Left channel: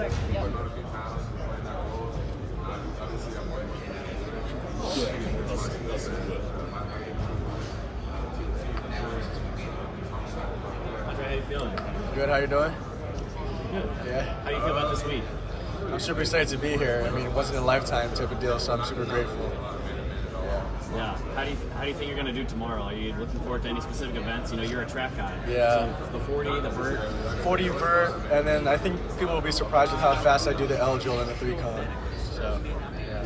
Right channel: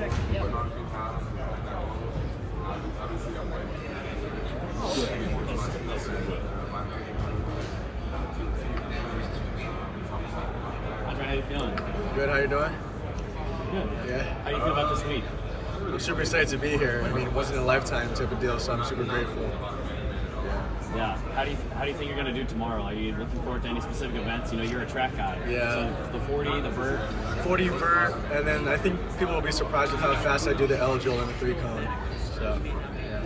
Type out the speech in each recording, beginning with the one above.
Andrei, how you feeling? Good, how you doing? Good. Yeah. How do you feel about this week? I'm super excited to be here. I mean, it wasn't a lifetime type of deal, so I'm super grateful. Yeah. How do you think you're going to do tomorrow? Are you looking forward to any specific events? You know, you're a track guy. Yeah. So the 40, the vert. 40 vert, and then I think people will be surprised with how fast I do the L drill and the 3-cone. So, yeah.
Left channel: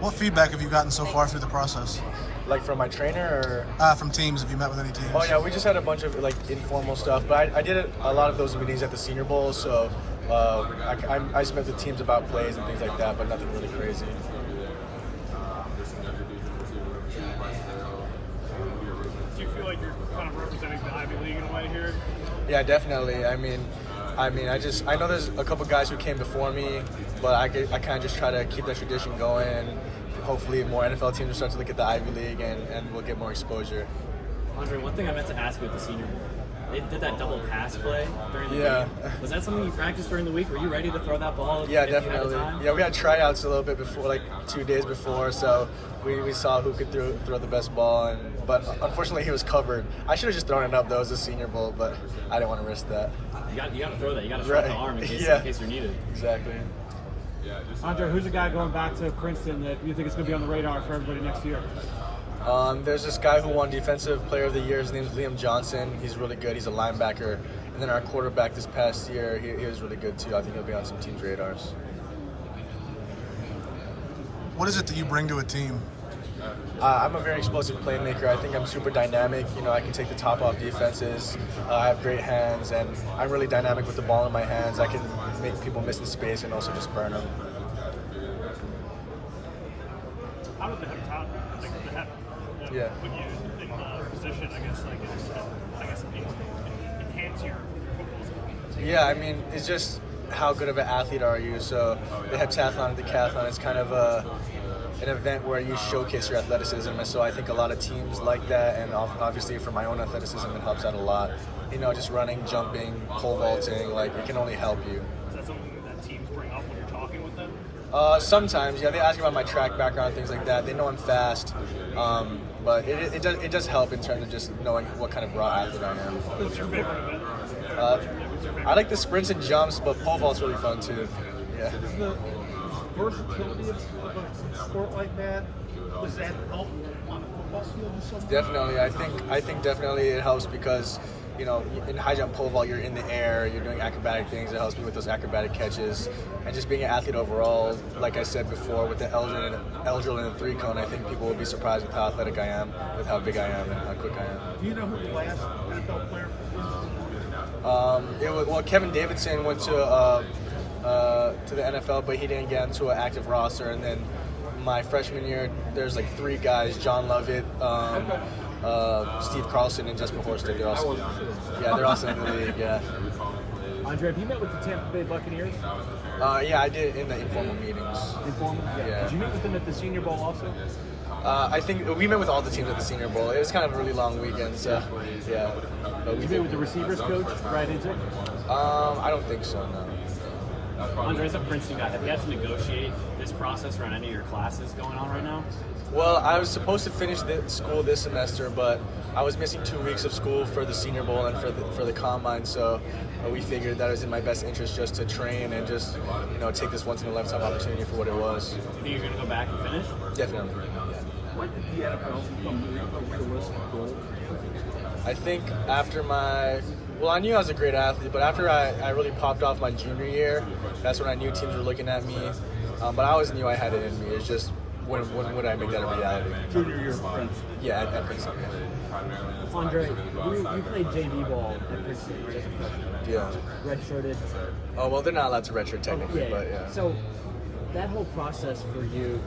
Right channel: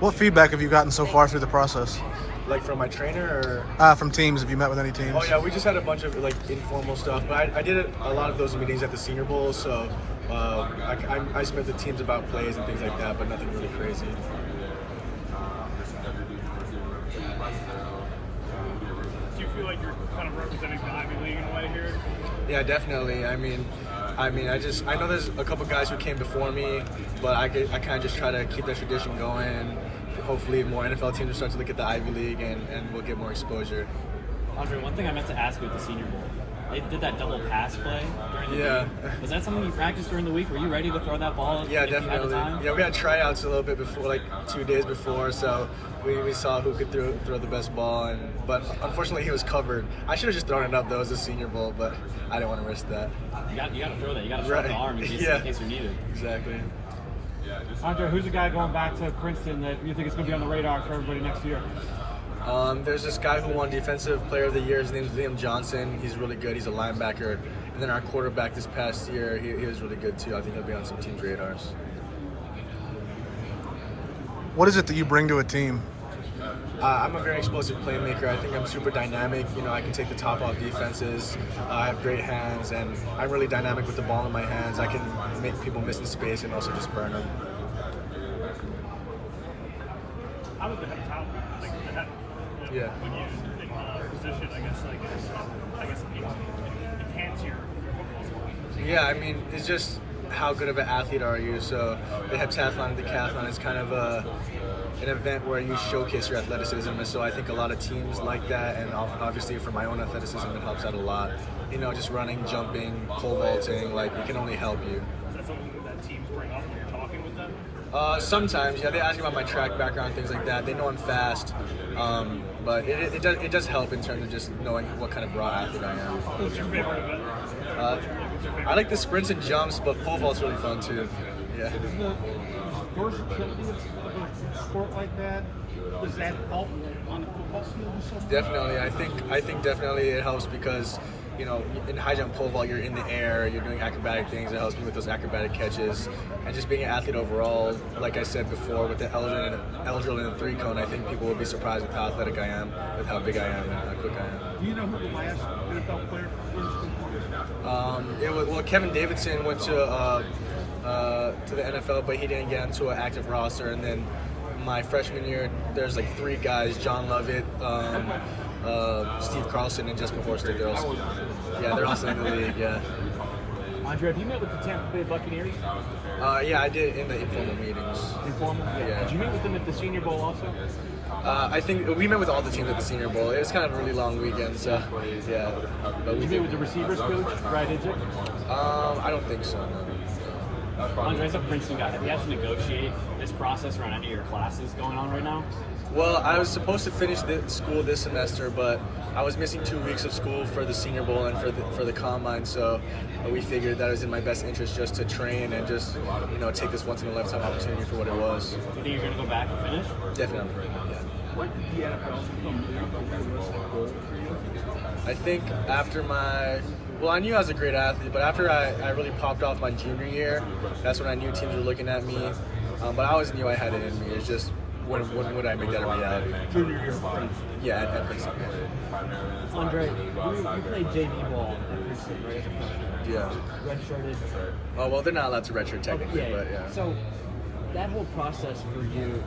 What feedback have you gotten so far through the process? Like from my trainer or? From teams, have you met with any teams? Oh yeah, we just had a bunch of like informal stuff, but I did a lot of those meetings at the Senior Bowl, so I just met the teams about plays and things like that, but nothing really crazy. Do you feel like you're kind of representing the Ivy League in a way here? Yeah, definitely. I mean, I know there's a couple guys who came before me, but I kind of just try to keep that tradition going. Hopefully, more NFL teams will start to look at the Ivy League, and we'll get more exposure. Andrei, one thing I meant to ask you at the Senior Bowl. They did that double pass play during the game. Was that something you practiced during the week? Were you ready to throw that ball? Yeah, definitely. Yeah, we had tryouts a little bit before, like 2 days before, so we saw who could throw the best ball, but unfortunately he was covered. I should have just thrown it up. That was the Senior Bowl, but I didn't want to risk that. You got to throw that. You got to throw the arm in case you're needed. Exactly. Andrei, who's the guy going back to Princeton that you think is going to be on the radar for everybody next year? There's this guy who won Defensive Player of the Year. His name's Liam Johnson. He's really good. He's a linebacker. And then our quarterback this past year, he was really good too. I think he'll be on some teams' radars. What is it that you bring to a team? I'm a very explosive playmaker. I think I'm super dynamic. You know, I can take the top off defenses. I have great hands, and I'm really dynamic with the ball in my hands. I can make people miss in space and also just burn them. How did the head talent, like the head, when you in the position, I guess enhance your football skills? Yeah, I mean, it's just how good of an athlete are you? So the heptathlon and decathlon is kind of an event where you showcase your athleticism, and so I think a lot of teams like that, and obviously for my own athleticism, it helps out a lot. You know, just running, jumping, pole vaulting, like it can only help you. Is that something that teams bring up when you're talking with them? Sometimes, yeah, they ask me about my track background, things like that. They know I'm fast, but it does help in terms of just knowing what kind of raw athlete I am. What's your favorite event? I like the sprints and jumps, but pole vault's really fun too. Yeah. Is the versatility of a sport like that, does that help on the football field in some way? Definitely, I think definitely it helps because, you know, in high jump pole vault, you're in the air, you're doing acrobatic things. It helps me with those acrobatic catches, and just being an athlete overall. Like I said before, with the L drill and the 3-cone, I think people would be surprised with how athletic I am, with how big I am, and how quick I am. Do you know who the last NFL player was? Well, Kevin Davidson went to the NFL, but he didn't get into an active roster. And then my freshman year, there's like 3 guys: John Lovett, Steve Carlson, and Jesper Horsted. They're also in the league. Yeah. Andrei, have you met with the Tampa Bay Buccaneers? Yeah, I did in the informal meetings. Informal? Yeah. Did you meet with them at the Senior Bowl also? I think we met with all the teams at the Senior Bowl. It was kind of a really long weekend, so yeah. Did you meet with the receivers coach, Brad Idzik? I don't think so, no. Andrei, as a Princeton guy, have you had to negotiate this process around any of your classes going on right now? Well, I was supposed to finish school this semester, but I was missing 2 weeks of school for the Senior Bowl and for the combine, so we figured that it was in my best interest just to train and just, you know, take this once in a lifetime opportunity for what it was. Do you think you're going to go back and finish? Definitely. What did the NFL become realistic goal? I think after I knew I was a great athlete, but after I really popped off my junior year, that's when I knew teams were looking at me. But I always knew I had it in me. It's just, when would I make that a reality? Junior year of Princeton. Yeah, at Princeton. Andrei, you played JV ball at Princeton, right? Yeah. Redshirted. Oh, well, they're not allowed to redshirt technically, but yeah. So, that whole process for you,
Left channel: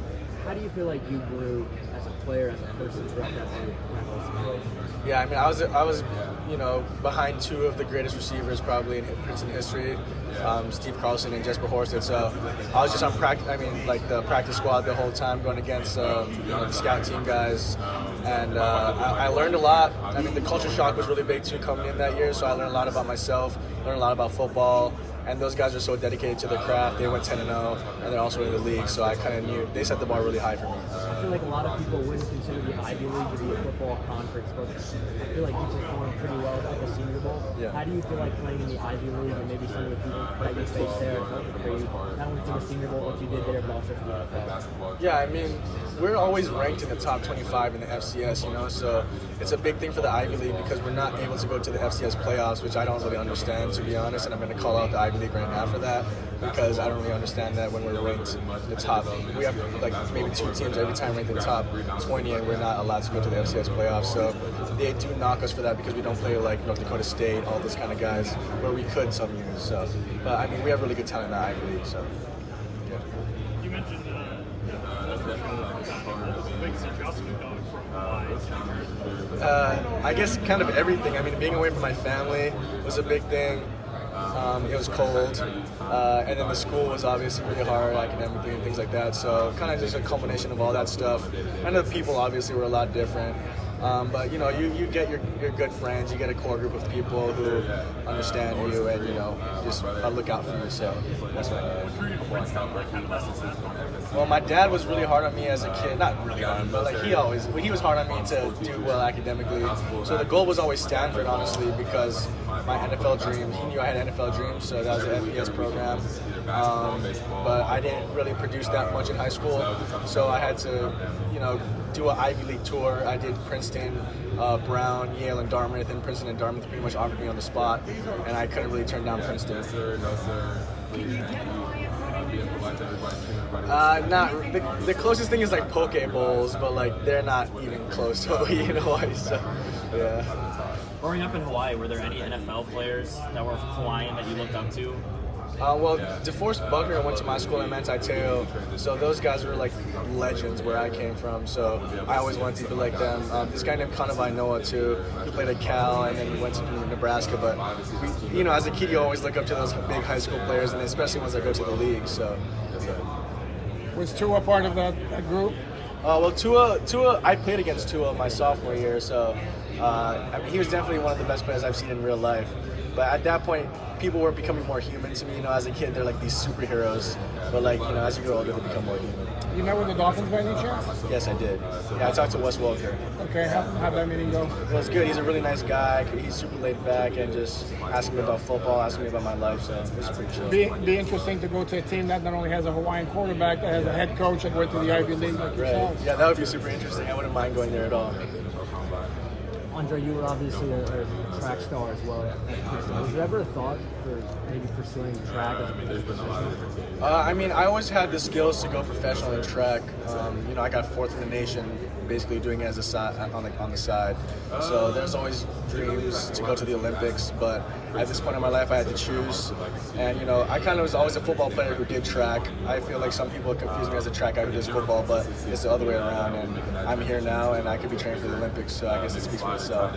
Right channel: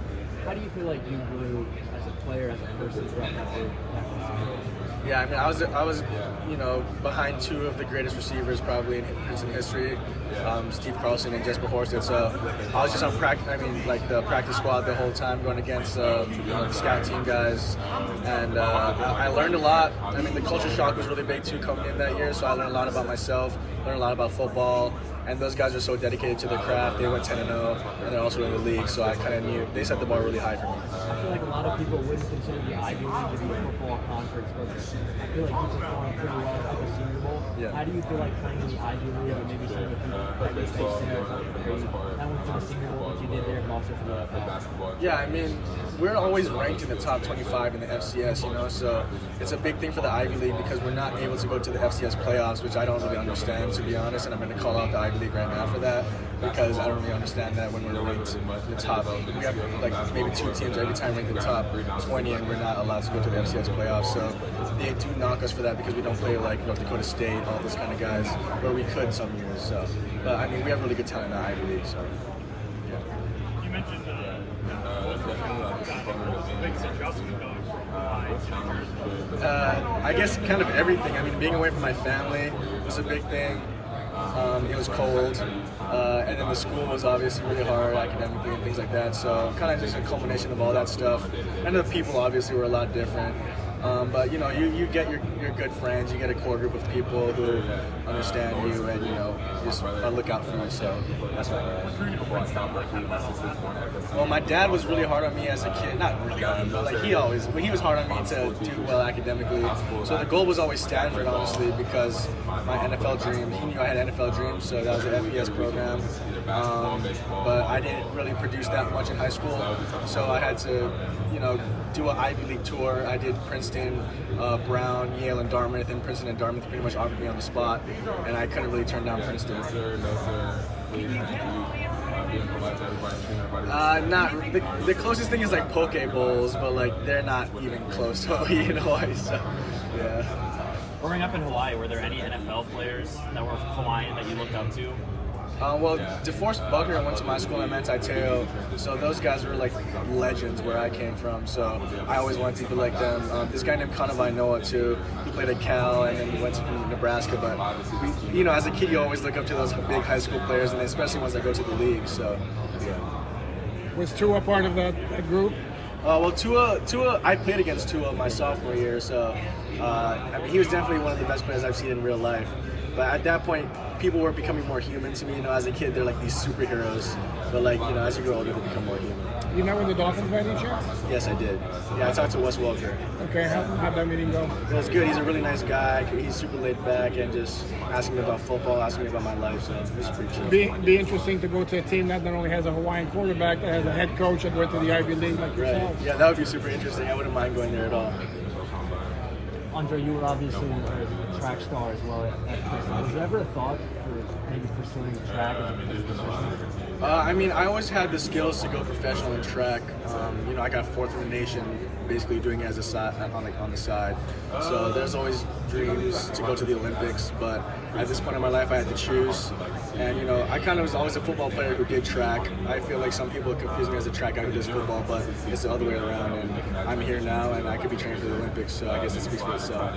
how do you feel like you grew as a player, as a person throughout that whole Yeah, I mean, I was, you know, behind 2 of the greatest receivers probably in Princeton history, Steve Carlson and Jesper Horsted. So I was just on the practice squad the whole time, going against the scout team guys, and I learned a lot. I mean, the culture shock was really big too coming in that year, so I learned a lot about myself, learned a lot about football, and those guys are so dedicated to their craft. They went 10-0, and they're also in the league, so I kind of knew they set the bar really high for me. I feel like a lot of people wouldn't consider the Ivy League to be a football conference, but I feel like you performed pretty well at the Senior Bowl. Yeah. How do you feel like playing in the Ivy League, or maybe some of the people that they stay there, not only for the Senior Bowl like you did there, but also for the NFL? Yeah, I mean, we're always ranked in the top 25 in the FCS, you know, so it's a big thing for the Ivy League because we're not able to go to the FCS playoffs, which I don't really understand, to be honest, and I'm going to call out the Ivy League right now for that because I don't really understand that when we're ranked in the top. We have like maybe 2 teams every time ranked in the top 20, and we're not allowed to go to the FCS playoffs, so they do knock us for that because we don't play like North Dakota State, all those kind of guys, where we could some years. So, but I mean, we have really good talent in the Ivy League, so yeah. You mentioned what was the biggest adjustment going from Hawaii to New Jersey? I guess kind of everything. I mean, being away from my family was a big thing. It was cold, and then the school was obviously really hard academically and things like that. So kind of just a combination of all that stuff. And the people obviously were a lot different. But you know, you get your good friends, you get a core group of people who understand you and you know just look out for you. So that's what I Well, my dad was really hard on me as a kid. Not really hard, but like he was hard on me to do well academically. So the goal was always Stanford, honestly, because my NFL dream. He knew I had NFL dreams, so that was the FBS program. But I didn't really produce that much in high school, so I had to, you know, do an Ivy League tour. I did Princeton, Brown, Yale, and Dartmouth, and Princeton and Dartmouth pretty much offered me on the spot, and I couldn't really turn down Princeton. Not the closest thing is like poke bowls, but like they're not even close to in Hawaii. So yeah. Growing up in Hawaii, were there any NFL players that were Hawaiian that you looked up to? Well, DeForest Buckner went to my school in Manti-Teo, so those guys were like legends where I came from, so I always wanted to be like them. This guy named Kanawai Noah too, he played at Cal and then went to Nebraska, but you know, as a kid you always look up to those big high school players, and especially once I go to the league, so. Was Tua part of that group? Well, Tua, I played against Tua my sophomore year, so I mean, he was definitely one of the best players I've seen in real life. But at that point, people were becoming more human to me. You know, as a kid, they're like these superheroes. But like, you know, as you grow older, they become more human. You met with the Dolphins by any chance? Yes, I did. Yeah, I talked to Wes Welker. Okay, how'd that meeting go? It was good. He's a really nice guy. He's super laid back and just asking me about football, asking me about my life. So it was pretty chill. Be interesting to go to a team that not only has a Hawaiian quarterback, that has a head coach that went to the Ivy League like yourself. Right. Yeah, that would be super interesting. I wouldn't mind going there at all. Andre, you were obviously a track star as well at Princeton. Was there ever a thought for maybe pursuing track as a major position? I mean, I always had the skills to go professional in track. You know, I got 4th in the nation, basically doing it as a side on the side. So there's always dreams to go to the Olympics, but at this point in my life, I had to choose. And you know, I kind of was always a football player who did track. I feel like some people confuse me as a track guy who does football, but it's the other way around. And I'm here now, and I could be training for the Olympics. So I guess it speaks for itself.